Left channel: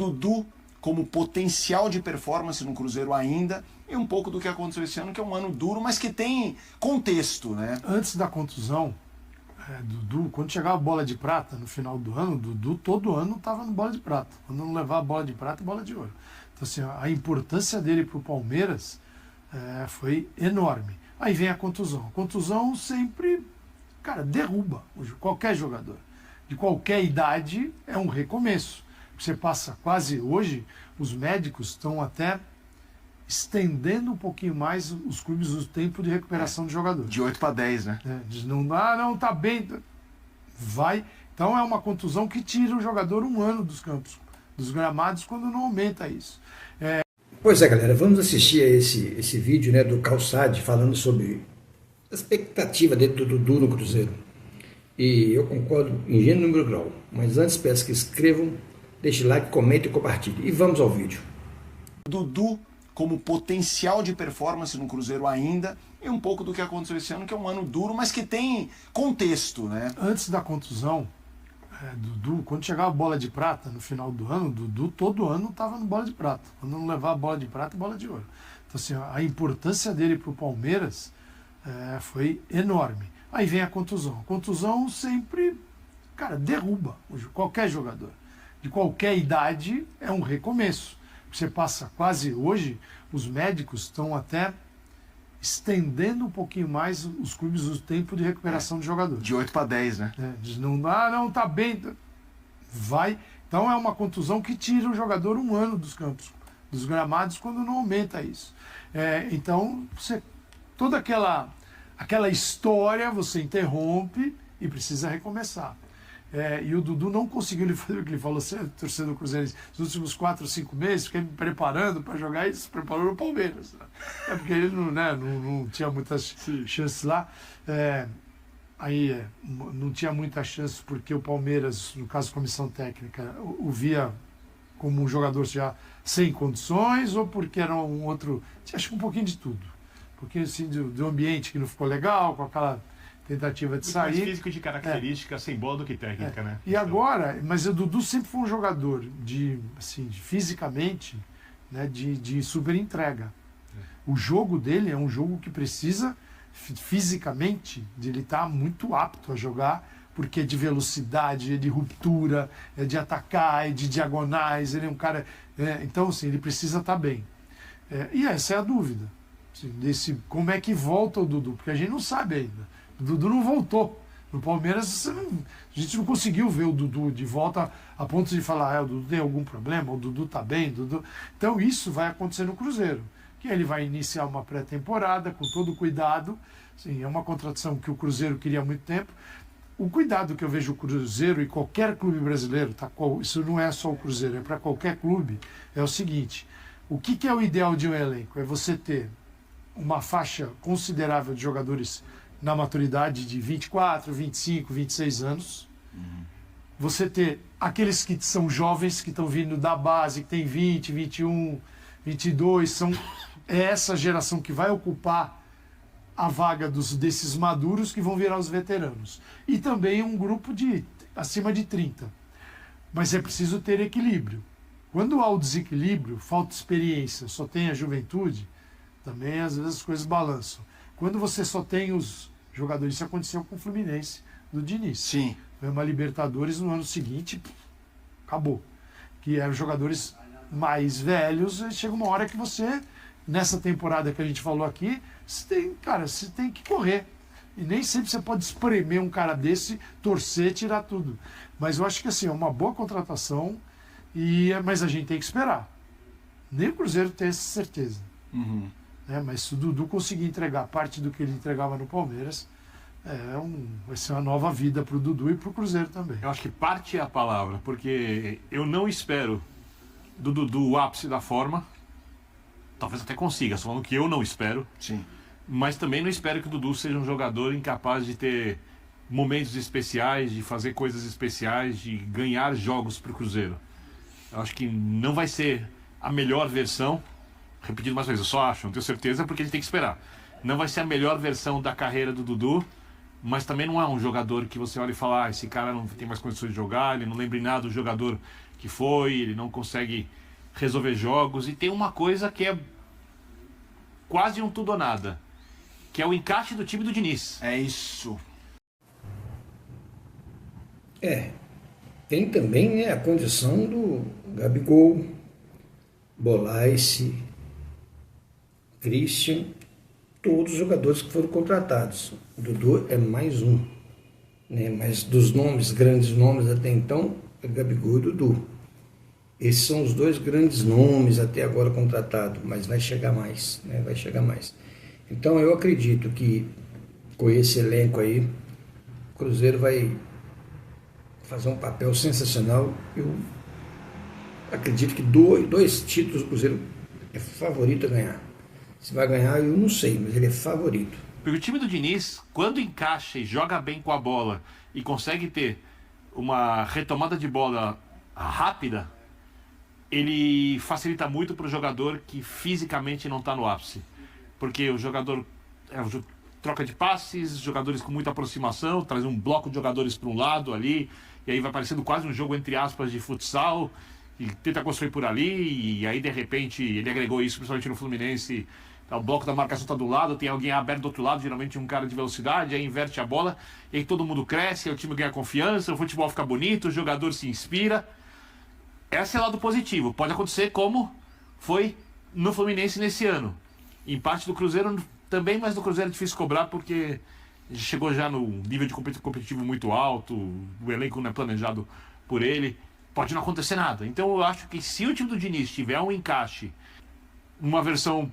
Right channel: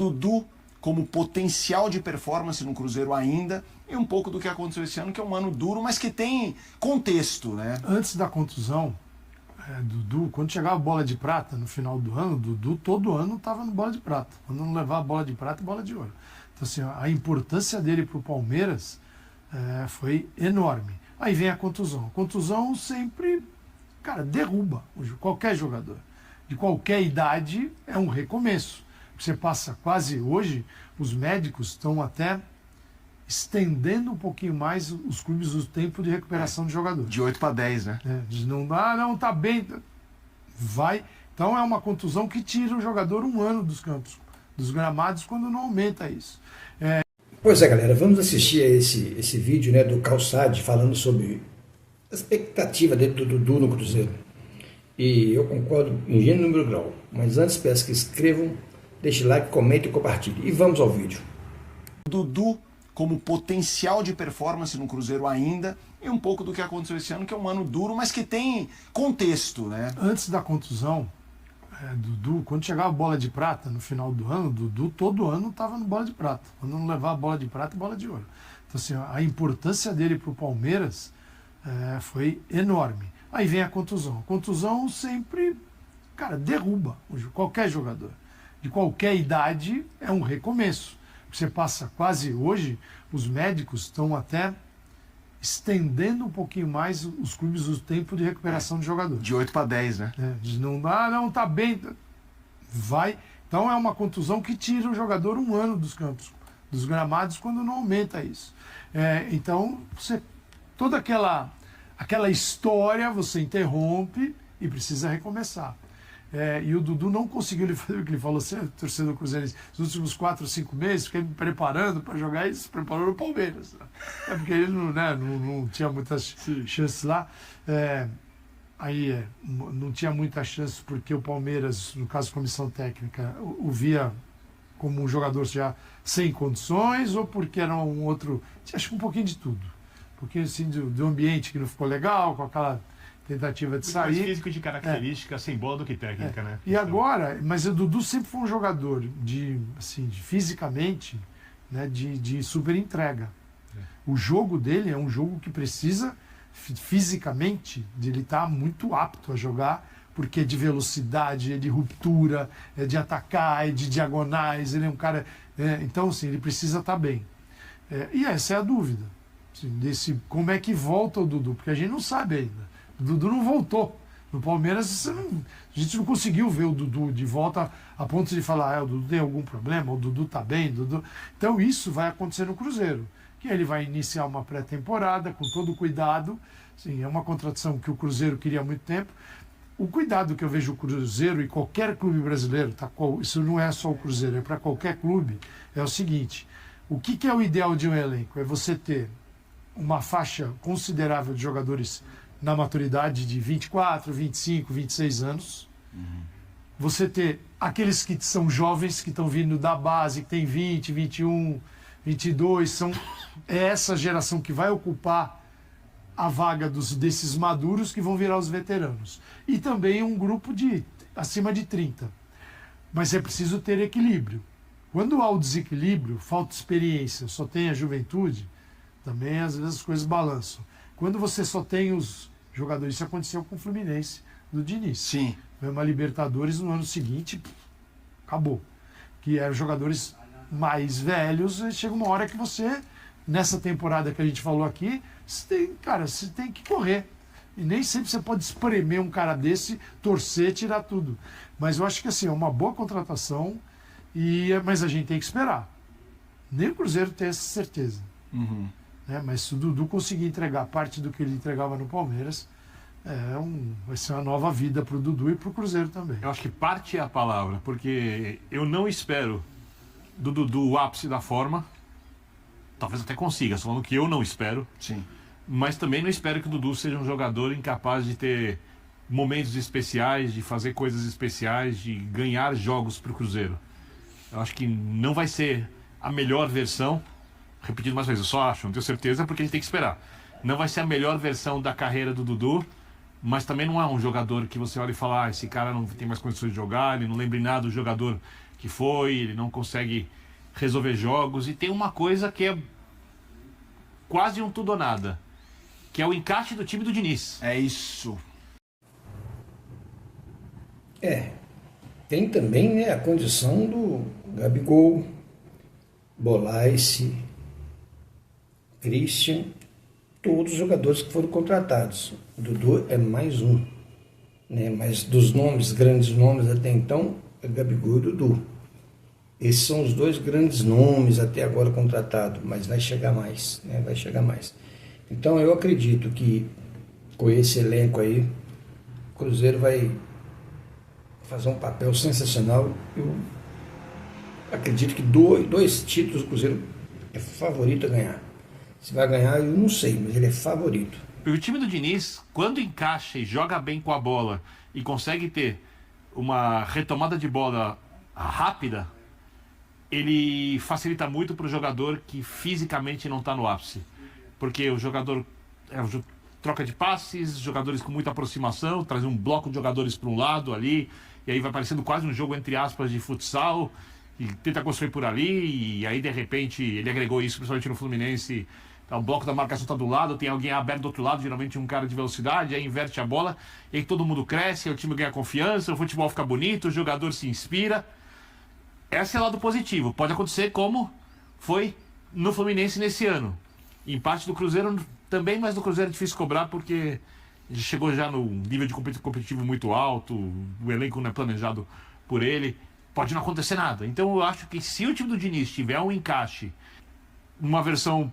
Dudu como potencial de performance no Cruzeiro ainda, e um pouco do que aconteceu esse ano, que é um ano duro, mas que tem contexto, né? Antes da contusão, Dudu, quando chegava a bola de prata no final do ano, Dudu todo ano estava no bola de prata. Quando não levava bola de prata, bola de ouro. Então, assim, a importância dele para o Palmeiras foi enorme. Aí vem a contusão. A contusão sempre, cara, derruba qualquer jogador. De qualquer idade é um recomeço. Você passa quase hoje, os médicos estão até estendendo um pouquinho mais os clubes o tempo de recuperação de jogador. De 8 para 10, né? Diz, não dá, não, tá bem. Vai. Então é uma contusão que tira o jogador um ano dos campos, dos gramados, quando não aumenta isso. Pois é, galera, vamos assistir a esse vídeo, né, do Calçade falando sobre a expectativa dele do Dudu no Cruzeiro. E eu concordo em gênero, número e grau. Mas antes peço que inscrevam, deixe like, comentem e compartilhem. E vamos ao vídeo. Dudu como potencial de performance no Cruzeiro ainda, e um pouco do que aconteceu esse ano, que é um ano duro, mas que tem contexto, né? Antes da contusão, Dudu, quando chegava a bola de prata no final do ano, Dudu todo ano estava no bola de prata. Quando não levava bola de prata, bola de ouro. Então, assim, a importância dele para o Palmeiras foi enorme. Aí vem a contusão. A contusão sempre, cara, derruba qualquer jogador. De qualquer idade é um recomeço. Você passa quase hoje, os médicos estão até estendendo um pouquinho mais os clubes o tempo de recuperação de jogador. De 8 para 10, né? Diz, não dá, não, tá bem. Vai. Então é uma contusão que tira o jogador um ano dos campos, dos gramados, quando não aumenta isso. Então, toda aquela história você interrompe e precisa recomeçar. E o Dudu não conseguiu ele fazer o que ele falou, torcedor cruzeirense, nos últimos 4 ou 5 meses, fiquei me preparando para jogar e se preparou no Palmeiras. Porque ele não tinha muitas chances lá. Não tinha muitas chances porque o Palmeiras, no caso comissão técnica, o via como um jogador já sem condições, ou porque era um outro, acho que um pouquinho de tudo. Porque assim, do ambiente que não ficou legal, com aquela tentativa de sair. Mais físico de característica, sem bola do que técnica, né? E agora, mas o Dudu sempre foi um jogador fisicamente, né, de super entrega. O jogo dele é um jogo que precisa, fisicamente, de ele estar muito apto a jogar, porque é de velocidade, é de ruptura, é de atacar, é de diagonais, ele é um cara... então, assim, ele precisa estar bem. E essa é a dúvida. Assim, como é que volta o Dudu? Porque a gente não sabe ainda. O Dudu não voltou. No Palmeiras, a gente não conseguiu ver o Dudu de volta a ponto de falar, o Dudu tem algum problema, o Dudu está bem, Dudu... Então isso vai acontecer no Cruzeiro, que ele vai iniciar uma pré-temporada com todo o cuidado. Sim, é uma contratação que o Cruzeiro queria há muito tempo. O cuidado que eu vejo o Cruzeiro e qualquer clube brasileiro, isso não é só o Cruzeiro, é para qualquer clube, é o seguinte: o que é o ideal de um elenco? É você ter uma faixa considerável de jogadores na maturidade de 24, 25, 26 anos. Você ter aqueles que são jovens, que estão vindo da base, que tem 20, 21, 22, é essa geração que vai ocupar a vaga desses maduros que vão virar os veteranos. E também um grupo de acima de 30. Mas é preciso ter equilíbrio. Quando há o desequilíbrio, falta experiência, só tem a juventude, também às vezes as coisas balançam. Quando você só tem os jogadores, isso aconteceu com o Fluminense do Diniz. Sim. Foi uma Libertadores no ano seguinte, acabou. Que eram jogadores mais velhos, e chega uma hora que você, nessa temporada que a gente falou aqui, você tem que correr. E nem sempre você pode espremer um cara desse, torcer, tirar tudo. Mas eu acho que assim, é uma boa contratação, mas a gente tem que esperar. Nem o Cruzeiro tem essa certeza. Mas se o Dudu conseguir entregar parte do que ele entregava no Palmeiras, vai ser uma nova vida para o Dudu e para o Cruzeiro também. Eu acho que parte é a palavra, porque eu não espero do Dudu o ápice da forma. Talvez até consiga, só falando que eu não espero. Sim. Mas também não espero que o Dudu seja um jogador incapaz de ter momentos especiais, de fazer coisas especiais, de ganhar jogos para o Cruzeiro. Eu acho que não vai ser a melhor versão. Repetindo mais uma vez, eu só acho, não tenho certeza, porque a gente tem que esperar. Não vai ser a melhor versão da carreira do Dudu, mas também não é um jogador que você olha e fala, esse cara não tem mais condições de jogar, ele não lembra em nada do jogador que foi, ele não consegue resolver jogos. E tem uma coisa que é quase um tudo ou nada, que é o encaixe do time do Diniz. É isso. Tem também, né, a condição do Gabigol, Bolaïse, Christian, todos os jogadores que foram contratados. O Dudu é mais um, né? Mas dos nomes, grandes nomes até então, é Gabigol e Dudu. Esses são os 2 grandes nomes até agora contratados, mas vai chegar mais, né? Vai chegar mais. Então eu acredito que com esse elenco aí, o Cruzeiro vai fazer um papel sensacional. Eu acredito que 2 títulos o Cruzeiro é favorito a ganhar. Se vai ganhar, eu não sei, mas ele é favorito. Porque o time do Diniz, quando encaixa e joga bem com a bola e consegue ter uma retomada de bola rápida, ele facilita muito para o jogador que fisicamente não está no ápice. Porque o jogador troca de passes, jogadores com muita aproximação, traz um bloco de jogadores para um lado ali, e aí vai parecendo quase um jogo, entre aspas, de futsal, e tenta construir por ali, e aí de repente ele agregou isso, principalmente no Fluminense. O bloco da marcação está do lado, tem alguém aberto do outro lado, geralmente um cara de velocidade, aí inverte a bola, e aí todo mundo cresce, aí o time ganha confiança, o futebol fica bonito, o jogador se inspira. Esse é o lado positivo. Pode acontecer como foi no Fluminense nesse ano. Empate do Cruzeiro também, mas do Cruzeiro é difícil cobrar porque chegou já no nível de competitivo muito alto, o elenco não é planejado por ele, pode não acontecer nada. Então eu acho que se o time do Diniz tiver um encaixe numa versão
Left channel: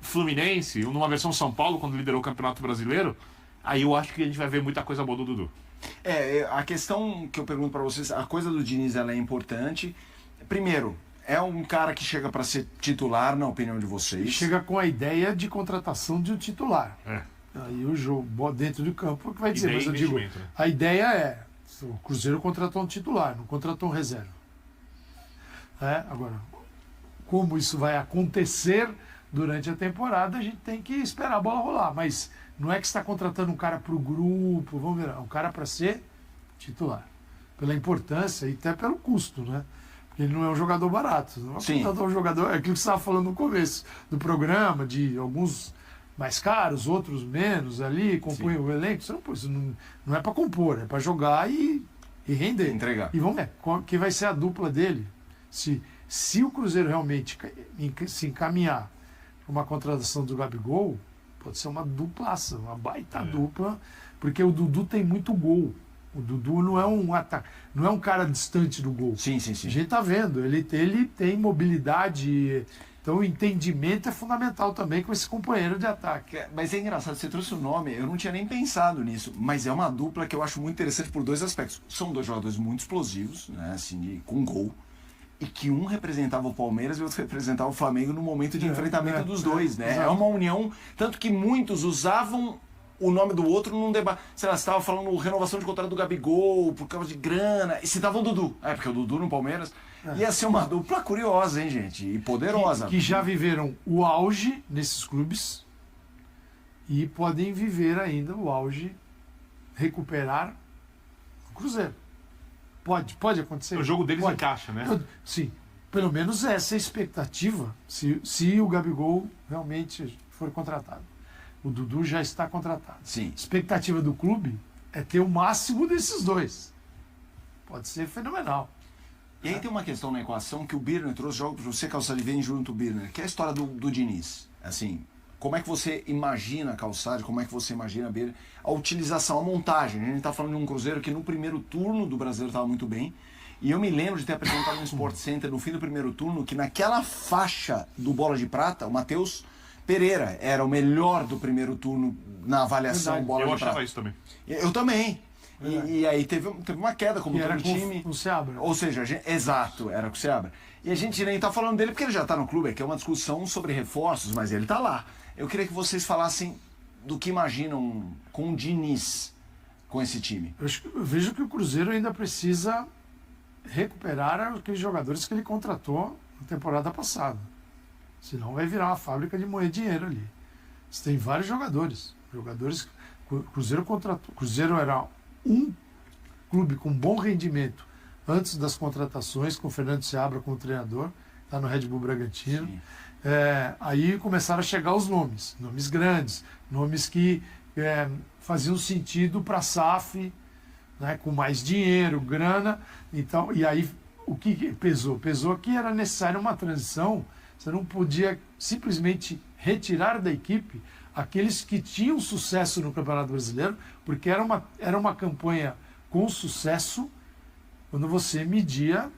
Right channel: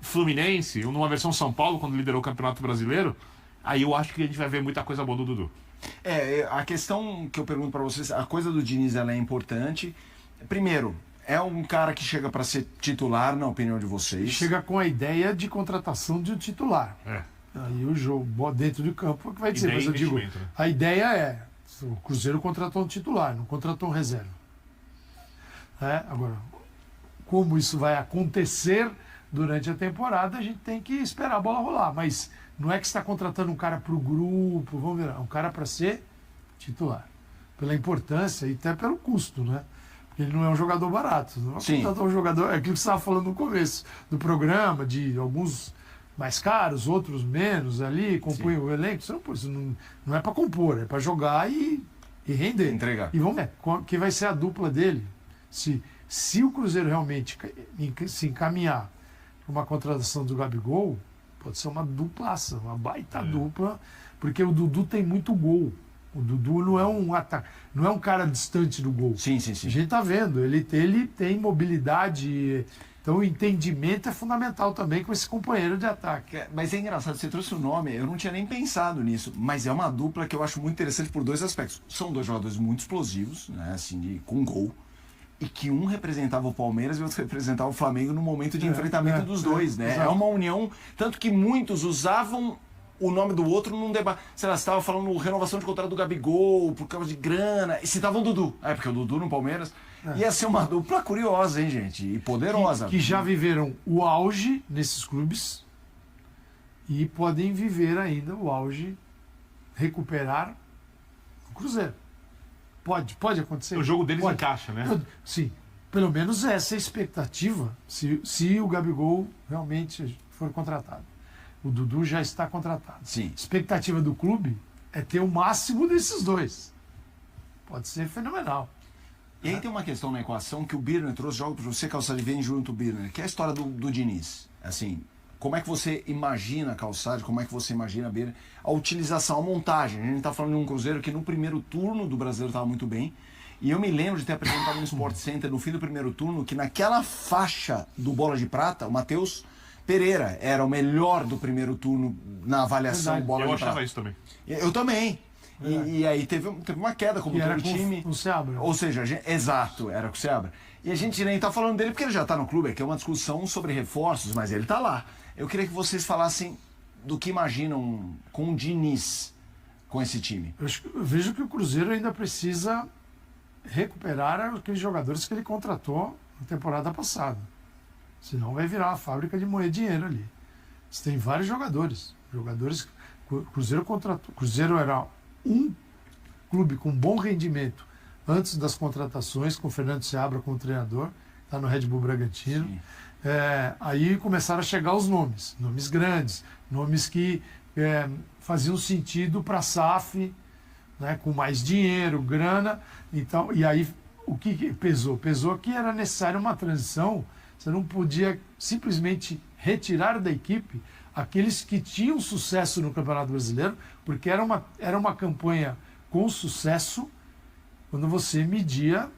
Fluminense ou numa versão São Paulo, quando liderou o Campeonato Brasileiro, aí eu acho que a gente vai ver muita coisa boa do Dudu. A questão que eu pergunto para vocês, a coisa do Diniz, ela é importante. Primeiro, é um cara que chega para ser titular, na opinião de vocês? Chega com a ideia de contratação de um titular. Aí o jogo dentro do campo que vai dizer, mas eu digo, a ideia é, o Cruzeiro contratou um titular, não contratou um reserva. Agora, como isso vai acontecer durante a temporada, a gente tem que esperar a bola rolar, mas não é que você está contratando um cara para o grupo, vamos ver, é um cara para ser titular, pela importância e até pelo custo, né? Porque ele não é um jogador barato, não é contratar um jogador, é aquilo que você estava falando no começo do programa, de alguns mais caros, outros menos ali, compõem o elenco, isso não é para compor, é para jogar e render. Entregar. E vamos ver, que vai ser a dupla dele, se o Cruzeiro realmente se encaminhar para uma contratação do Gabigol, pode ser uma duplaça, uma baita dupla, porque o Dudu tem muito gol. O Dudu não é não é um cara distante do gol. Sim. A gente tá vendo, ele tem mobilidade, então o entendimento é fundamental também com esse companheiro de ataque. Mas é engraçado, você trouxe o nome, eu não tinha nem pensado nisso, mas é uma dupla que eu acho muito interessante por 2 aspectos. São 2 jogadores muito explosivos, né, assim, com gol, e que um representava o Palmeiras e o outro representava o Flamengo no momento de enfrentamento dos dois, né? É uma união, tanto que muitos usavam o nome do outro num debate. Sei lá, você estava falando renovação de contrato do Gabigol por causa de grana, e citavam o Dudu. Porque o Dudu no Palmeiras ia ser uma dupla curiosa, hein, gente? E poderosa. Que já viveram o auge nesses clubes e podem viver ainda o auge, recuperar o Cruzeiro. Pode acontecer. O jogo deles encaixa, né? Sim. Pelo menos essa é a expectativa, se o Gabigol realmente for contratado. O Dudu já está contratado. Sim. A expectativa do clube é ter o máximo desses 2. Pode ser fenomenal. E aí tem uma questão na equação que o Birner trouxe, jogo para você, Calçade, vem junto o Birner, que é a história do Diniz. Assim, como é que você imagina, Calçade, como é que você imagina, Birner, a utilização, a montagem? A gente está falando de um Cruzeiro que no primeiro turno do Brasileiro estava muito bem. E eu me lembro de ter apresentado no Sport Center no fim do primeiro turno que naquela faixa do Bola de Prata, o Matheus Pereira era o melhor do primeiro turno na avaliação Bola de Prata. Eu achava isso também. Eu também. E aí teve uma queda como todo time. Com o Seabra. Ou seja, exato, era com o Seabra. E a gente nem tá falando dele porque ele já tá no clube, que é uma discussão sobre reforços, mas ele tá lá. Eu queria que vocês falassem do que imaginam com o Diniz, com esse time. Eu vejo que o Cruzeiro ainda precisa recuperar aqueles jogadores que ele contratou na temporada passada. Senão vai virar uma fábrica de moer dinheiro ali. Você tem vários jogadores Cruzeiro era um clube com bom rendimento antes das contratações, com o Fernando Seabra como treinador, está no Red Bull Bragantino. Aí começaram a chegar os nomes grandes, nomes que faziam sentido para a SAF, né, com mais dinheiro, grana. Então, e aí o que pesou? Pesou que era necessária uma transição. Você não podia simplesmente retirar da equipe aqueles que tinham sucesso no Campeonato Brasileiro, porque era uma campanha com sucesso quando você media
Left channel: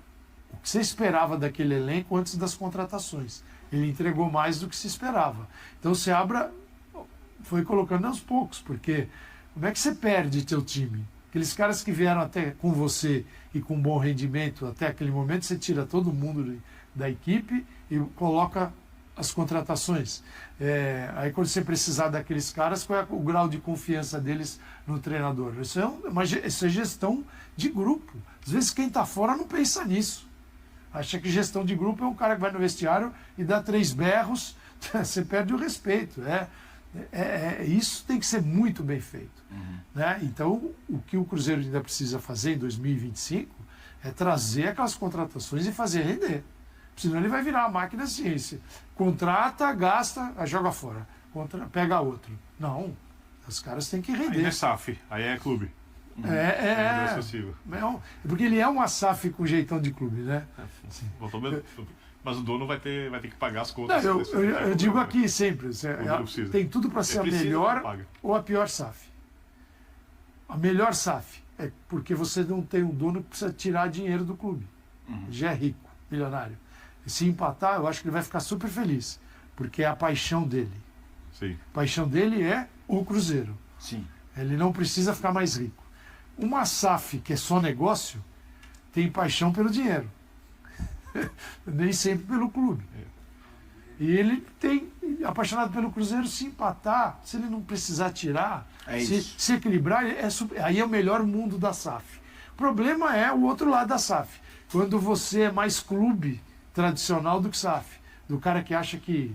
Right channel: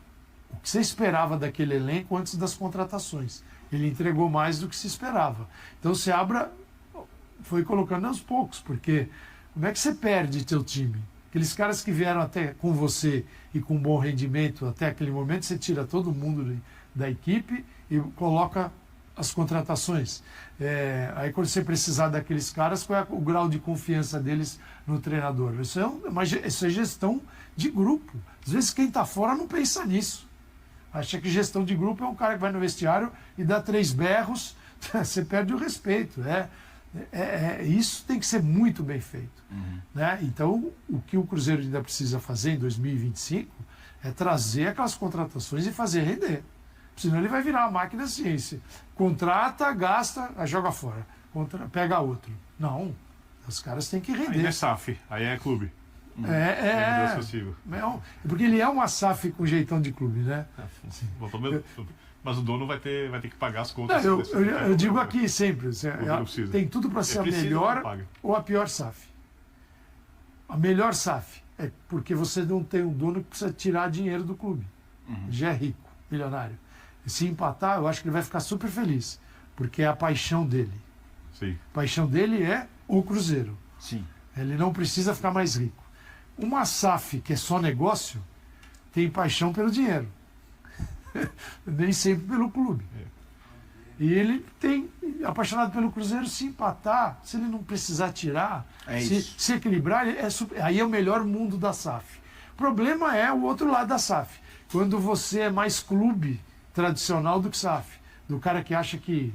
o que você esperava daquele elenco antes das contratações. Ele entregou mais do que se esperava. Então o Seabra foi colocando aos poucos, porque como é que você perde teu time? Aqueles caras que vieram até com você e com bom rendimento até aquele momento, você tira todo mundo da equipe e coloca as contratações. Aí quando você precisar daqueles caras, qual é o grau de confiança deles no treinador? Isso é gestão de grupo. Às vezes quem está fora não pensa nisso. Acha que gestão de grupo é um cara que vai no vestiário e dá 3 berros, você perde o respeito. Isso tem que ser muito bem feito. Né? Então, o que o Cruzeiro ainda precisa fazer em 2025 é trazer aquelas contratações e fazer render. Senão ele vai virar a máquina ciência. Contrata, gasta, aí joga fora. Pega outro. Não. Os caras têm que render. Aí é SAF, aí é clube. Porque ele é uma SAF com jeitão de clube, né? Mas o dono vai ter que pagar as contas. Não, eu digo aqui sempre, tem tudo para ser a melhor ou a pior SAF. A melhor SAF é porque você não tem um dono que precisa tirar dinheiro do clube. Já é rico, milionário. E se empatar, eu acho que ele vai ficar super feliz, porque é a paixão dele. Sim. A paixão dele é o Cruzeiro. Sim. Ele não precisa ficar mais rico. Uma SAF que é só negócio tem paixão pelo dinheiro. Nem sempre pelo clube. E ele tem apaixonado pelo Cruzeiro. Se empatar, se ele não precisar tirar, se equilibrar, aí é o melhor mundo da SAF. O problema é o outro lado da SAF. Quando você é mais clube tradicional do que SAF. Do cara que acha que,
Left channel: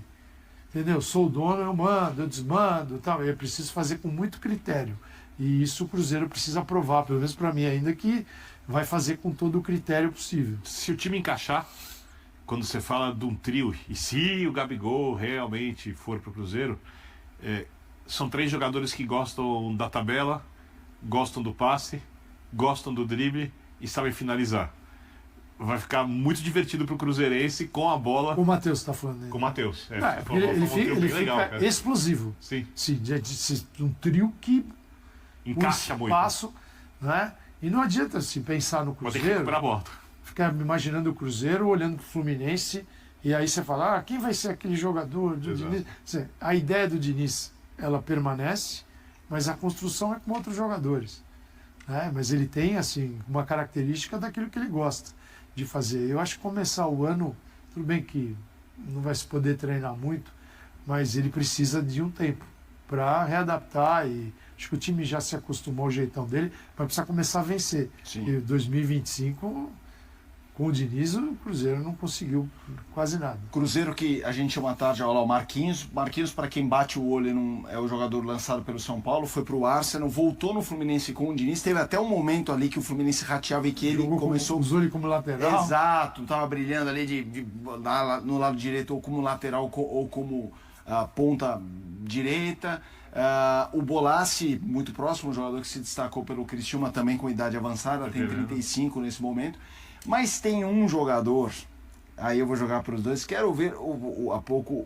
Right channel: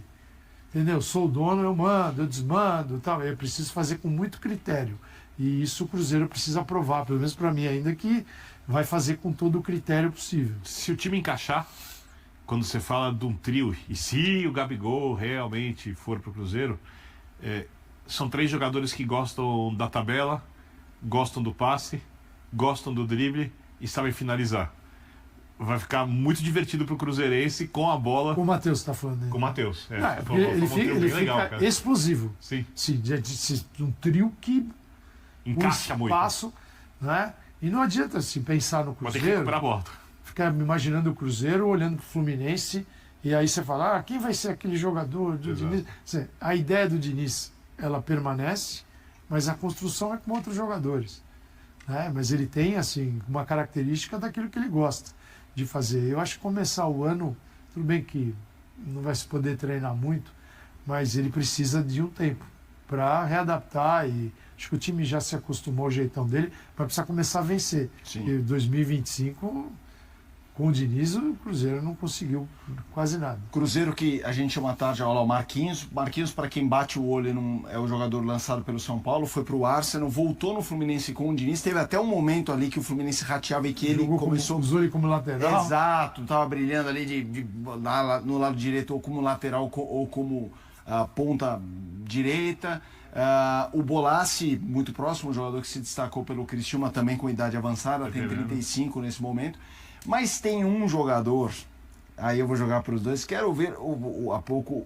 entendeu? Sou o dono, eu mando, eu desmando, tal. Eu preciso fazer com muito critério. E isso o Cruzeiro precisa provar, pelo menos para mim ainda, que vai fazer com todo o critério possível. Se o time encaixar, quando você fala de um trio, e se o Gabigol realmente for para o Cruzeiro, são 3 jogadores que gostam da tabela, gostam do passe, gostam do drible e sabem finalizar. Vai ficar muito divertido para o cruzeirense com a bola. O Matheus está falando dele. Com o Matheus. Ele fica explosivo. Sim. Um trio que encaixa um espaço, muito. Né? E não adianta se pensar no Cruzeiro. Vai ter que recuperar a bola. Ficar imaginando o Cruzeiro, olhando para o Fluminense, e aí você fala, quem vai ser aquele jogador do Diniz? A ideia do Diniz, ela permanece, mas a construção é com outros jogadores. Né? Mas ele tem, assim, uma característica daquilo que ele gosta de fazer. Eu acho que começar o ano, tudo bem que não vai se poder treinar muito, mas ele precisa de um tempo para readaptar, e acho que o time já se acostumou ao jeitão dele, vai precisar começar a vencer. Sim. E 2025, com o Diniz, o Cruzeiro não conseguiu quase nada. Cruzeiro que a gente chama tarde ao Marquinhos. Marquinhos, para quem bate o olho, é o jogador lançado pelo São Paulo, foi pro Arsenal, voltou no Fluminense com o Diniz. Teve até um momento ali que o Fluminense rateava e que ele começou... Usou ele como lateral. Exato, tava brilhando ali no lado direito, ou como lateral, ou como ponta direita. O Bolassi, muito próximo, um jogador que se destacou pelo Criciúma, também com idade avançada, tem 35 nesse momento. Mas tem um jogador, aí eu vou jogar para os dois, quero ver há pouco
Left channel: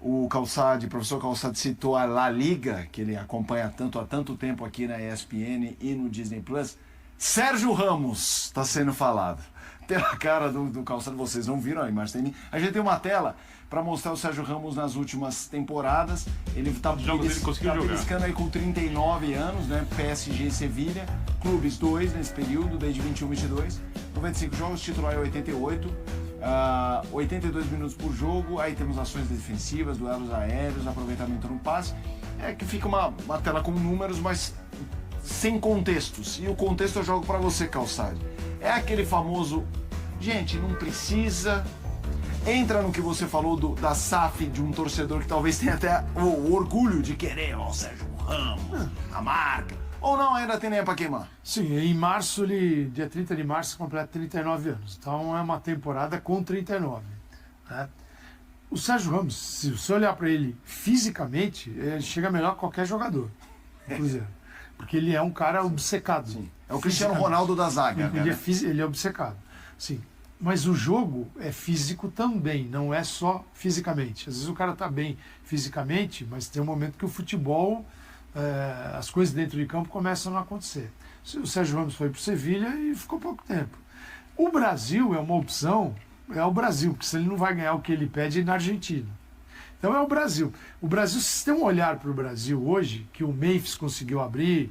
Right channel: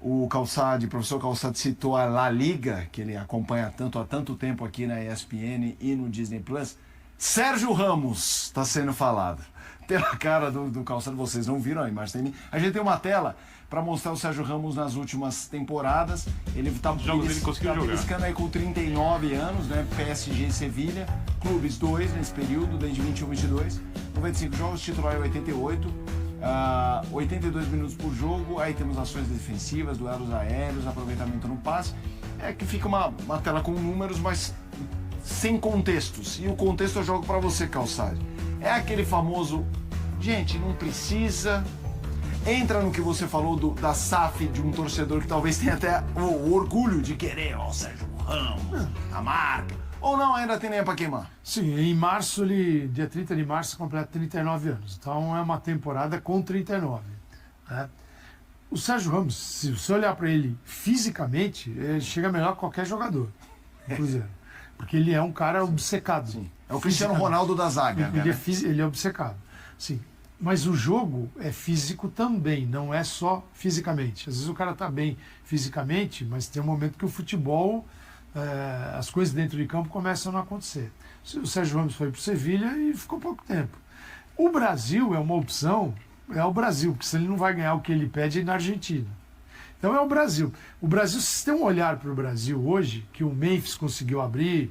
o Calçade, o professor Calçade citou a La Liga, que ele acompanha há tanto tempo aqui na ESPN e no Disney Plus. Sérgio Ramos está sendo falado. Pela cara do Calçado, vocês não viram a imagem. A gente tem uma tela para mostrar o Sérgio Ramos nas últimas temporadas. Ele está beliscando aí com 39 anos, né? PSG e Sevilha, clubes 2 nesse período, desde 21 e 22. 95 jogos, titular é 88, 82 minutos por jogo. Aí temos ações defensivas, duelos aéreos, aproveitamento no passe. É que fica uma tela com números, mas sem contextos. E o contexto eu jogo para você, Calçade. É aquele famoso, gente, não precisa. Entra no que você falou da SAF de um torcedor que talvez tenha até o orgulho de querer, Sérgio Ramos, a marca. Ou não, ainda tem nem pra queimar? Sim, em março, dia 30 de março, completa 39 anos. Então é uma temporada com 39. Né? O Sérgio Ramos, se você olhar para ele fisicamente, ele chega melhor que qualquer jogador do Cruzeiro. Porque ele é um cara obcecado. Sim. É o Cristiano Ronaldo da zaga. Ele, ele é obcecado. Sim. Mas o jogo é físico também, não é só fisicamente. Às vezes o cara está bem fisicamente, mas tem um momento que o futebol, as coisas dentro de campo começam a não acontecer. O Sérgio Ramos foi para o Sevilha e ficou pouco tempo. O Brasil é uma opção, é o Brasil, porque se ele não vai ganhar o que ele pede na Argentina. Então é o Brasil. O Brasil, se tem um olhar para o Brasil hoje, que o Memphis conseguiu abrir,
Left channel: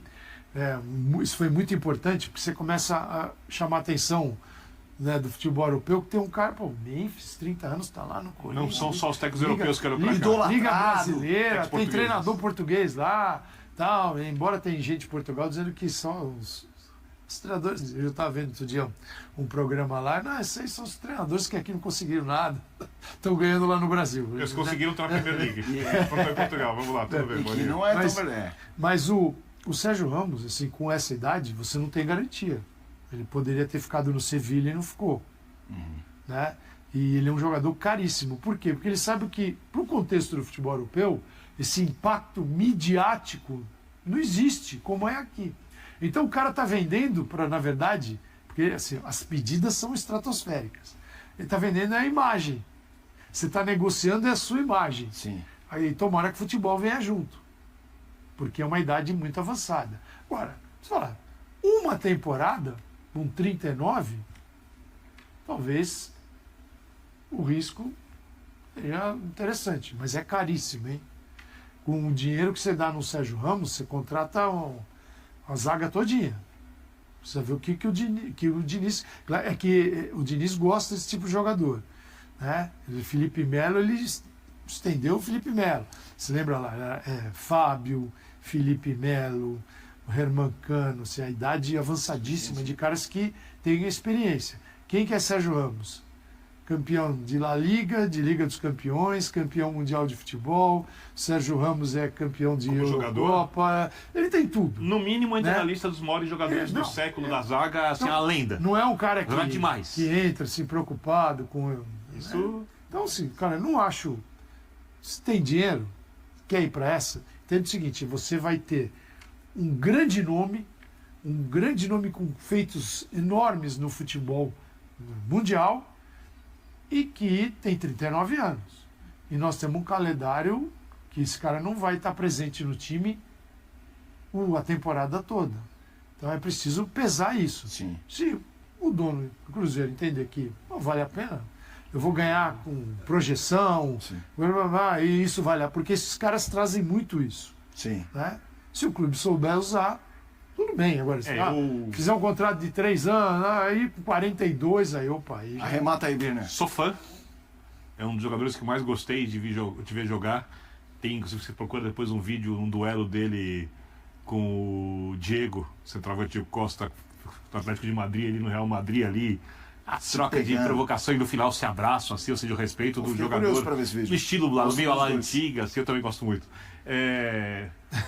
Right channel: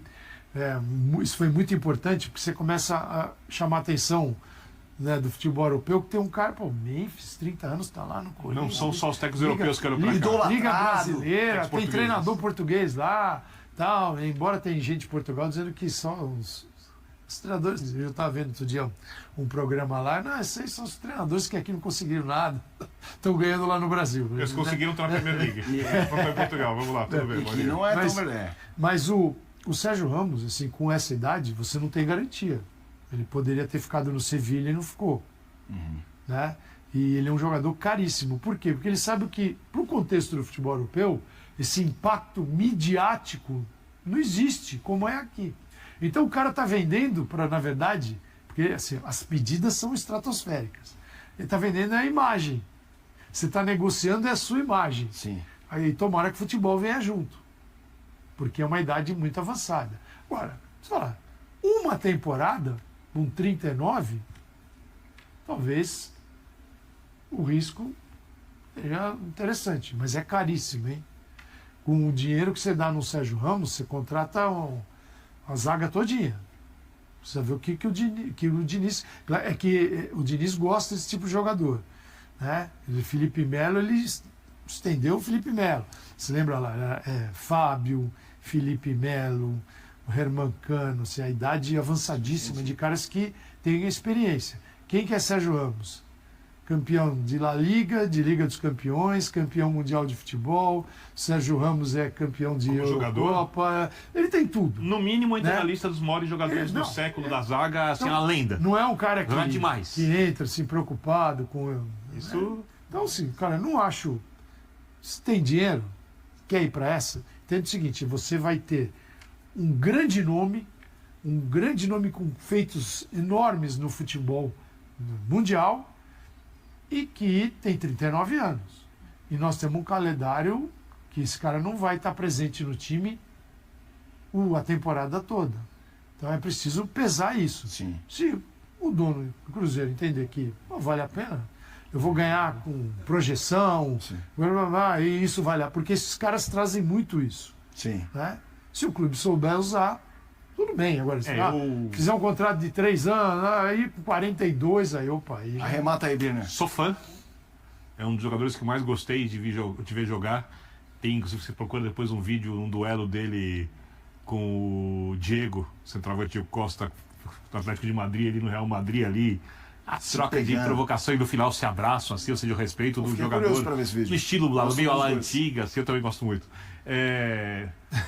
isso foi muito importante, porque você começa a chamar a atenção, né, do futebol europeu, que tem um cara, pô, Memphis, 30 anos, está lá no Corinthians. Não são só os técnicos europeus que eram pra cá. Liga brasileira, tem portugueses. treinador português lá, tal, embora tem gente de Portugal dizendo que são os treinadores. Eu estava vendo outro dia um programa lá, não, esses aí são os treinadores que aqui não conseguiram nada, estão ganhando lá no Brasil. Eles conseguiram estar na Premier League. Vamos para Portugal, vamos lá, tudo bem. Que não é mas, tão verdade. Mas o Sérgio Ramos, assim, com essa idade, você não tem garantia. Ele poderia ter ficado no Sevilha e não ficou. Né? E ele é um jogador caríssimo. Por quê? Porque ele sabe que, para o contexto do futebol europeu, esse impacto midiático não existe, como é aqui. Então o cara está vendendo para, na verdade, porque assim, as pedidas são estratosféricas. Ele está vendendo a imagem. Você está negociando a sua imagem. Sim. Aí tomara que o futebol venha junto. Porque é uma idade muito avançada. Agora, você fala, uma temporada, com 39, talvez o risco seja interessante, mas é caríssimo, hein? Com o dinheiro que você dá no Sérgio Ramos, você contrata a zaga todinha. Precisa ver o que o Diniz... É que o Diniz gosta desse tipo de jogador. Né? O Felipe Melo, ele estendeu o Felipe Melo. Você lembra lá? Fábio, Felipe Melo, o Herman Cano, assim, a idade avançadíssima de caras que têm experiência. Quem que é Sérgio Ramos? Campeão de La Liga, de Liga dos Campeões, campeão mundial de futebol. Sérgio Ramos é campeão de Eurocopa. Ele tem tudo. No mínimo, entra né? na lista dos maiores jogadores do século da zaga, assim, a lenda. Não é um cara demais. que entra assim, preocupado com isso. Né? Então, assim, cara, não acho. Se tem dinheiro, quer ir para essa, entende o seguinte: você vai ter um grande nome com feitos enormes no futebol mundial e que tem 39 anos. E nós temos um calendário que esse cara não vai estar presente no time a temporada toda. Então é preciso pesar isso. Sim. Se o dono do Cruzeiro entender que vale a pena, eu vou ganhar com projeção, e isso vale a pena, porque esses caras trazem muito isso. Sim. Né? Se o clube souber usar, tudo bem. Agora, se fizer um contrato de 3 anos, aí com 42, aí opa. Aí já... Arremata aí, Birner. Sou fã. É um dos jogadores que mais gostei de ver jogar. Tem, inclusive, você procura depois um vídeo, um duelo dele com o Diego, centroavante Diego Costa, do Atlético de Madrid, ali no Real Madrid, ali. A troca de provocação e no final se abraçam, assim, ou seja, o respeito do jogador. No estilo lá, meio à la antiga, assim, eu também gosto muito.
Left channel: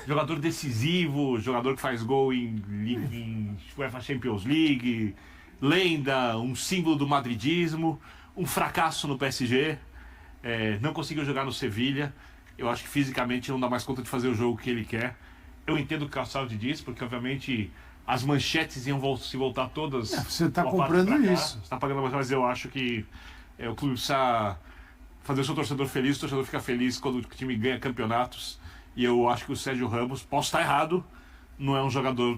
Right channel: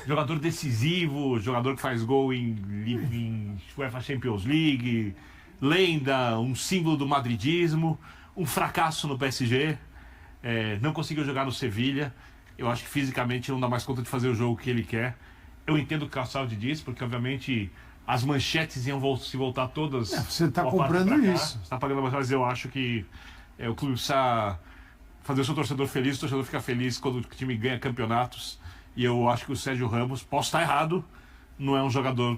Jogador decisivo, jogador que faz gol em UEFA Champions League, lenda, um símbolo do madridismo, um fracasso no PSG, não conseguiu jogar no Sevilha. Eu acho que fisicamente não dá mais conta de fazer o jogo que ele quer. Eu entendo o que o Calçado diz, porque obviamente as manchetes iam se voltar todas. Você está comprando isso. Você está pagando mais, mas eu acho que o clube precisa fazer o seu torcedor feliz. O torcedor fica feliz quando o time ganha campeonatos. E eu acho que o Sérgio Ramos, posso estar errado, não é um jogador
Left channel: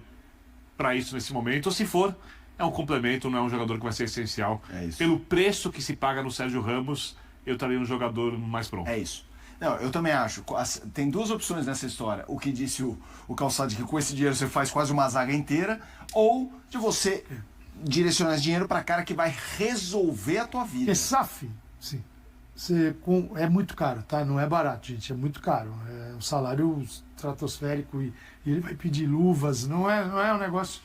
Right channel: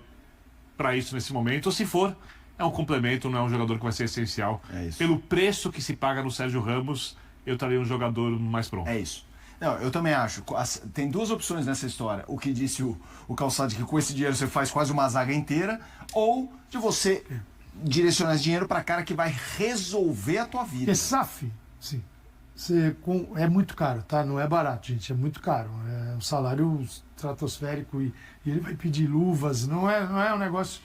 para isso nesse momento. Ou se for, é um complemento, não é um jogador que vai ser essencial. É isso. Pelo preço que se paga no Sérgio Ramos, eu estaria um jogador mais pronto. É isso. Não, eu também acho. Tem duas opções nessa história. O que disse o Calçado, que com esse dinheiro você faz quase uma zaga inteira, ou de você direcionar esse dinheiro para cara que vai resolver a tua vida. É SAF, sim. É muito caro, tá? Não é barato, gente. É muito caro. É um salário estratosférico e ele vai pedir luvas. Não é um negócio.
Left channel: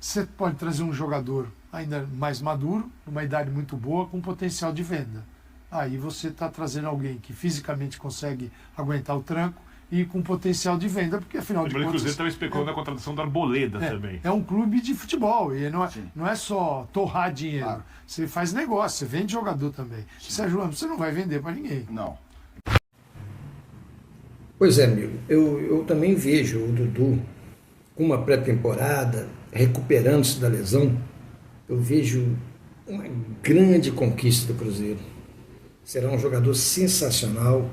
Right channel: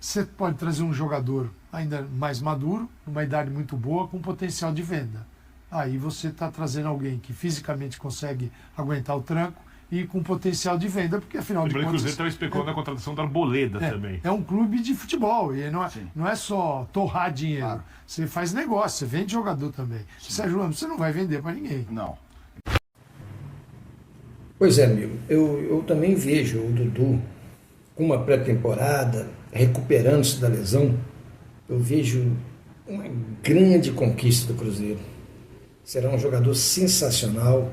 Você pode trazer um jogador ainda mais maduro, numa idade muito boa, com potencial de venda. Aí você está trazendo alguém que fisicamente consegue aguentar o tranco e com potencial de venda, porque afinal de Lembrando que o contas... Cruzeiro estava especulando a contratação da Arboleda também. É um clube de futebol, e não é só torrar dinheiro. Claro. Você faz negócio, você vende jogador também. Sérgio Ramos, você não vai vender para ninguém. Não. Pois é, amigo. Eu também vejo o Dudu com uma pré-temporada, recuperando-se da lesão. Eu vejo uma grande conquista do Cruzeiro. Será um jogador sensacional,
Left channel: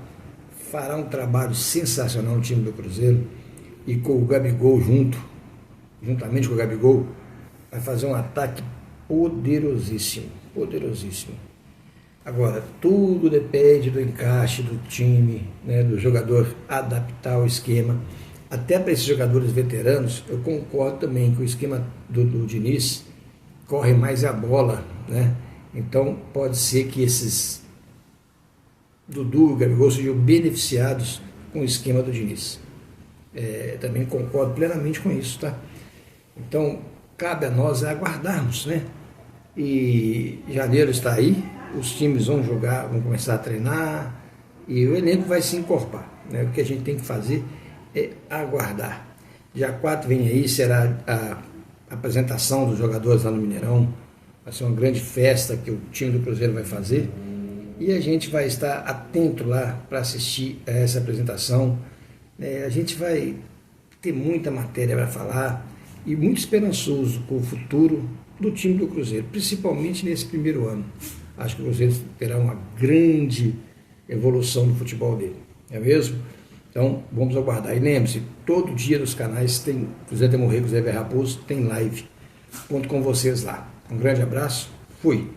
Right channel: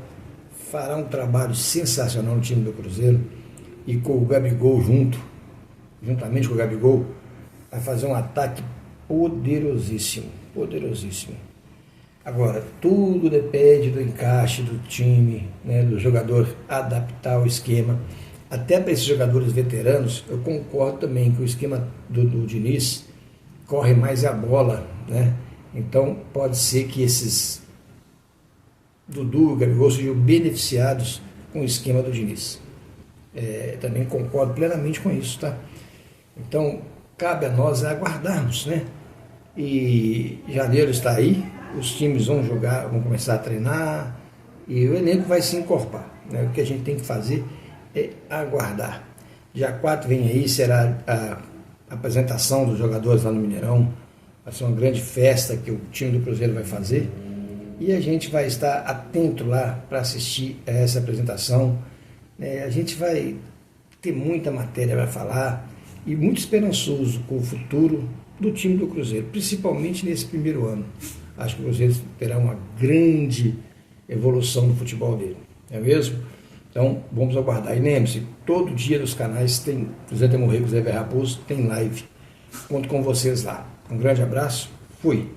fará um trabalho sensacional no time do Cruzeiro, e com o Gabigol juntamente com o Gabigol, vai fazer um ataque poderosíssimo, poderosíssimo. Agora, tudo depende do encaixe do time, né, do jogador adaptar o esquema. Até para esses jogadores veteranos, eu concordo também que o esquema do Diniz corre mais a bola, né? Então, pode ser que esses Dudu e Gabigol sejam beneficiados com o esquema do Diniz. Também concordo plenamente com isso, tá? Então, cabe a nós aguardarmos, né? E janeiro está aí, os times vão jogar, vão começar a treinar e o elenco vai se encorpar, né? O que a gente tem que fazer é aguardar. Dia 4 vem aí, será a apresentação dos jogadores lá no Mineirão. Vai ser uma grande festa que o time do Cruzeiro vai fazer. E a gente vai estar atento lá para assistir a essa apresentação. A gente vai ter muita matéria para falar e muito esperançoso com o futuro do time do Cruzeiro, principalmente nesse primeiro ano. Acho que o Cruzeiro terá uma grande evolução no futebol dele, não é mesmo? Então, vamos aguardar. E lembre-se, todo dia nos canais tem Cruzeiro tem Morrer, Cruzeiro Raposo, tem live. Conto com vocês lá. Um grande abraço, fui!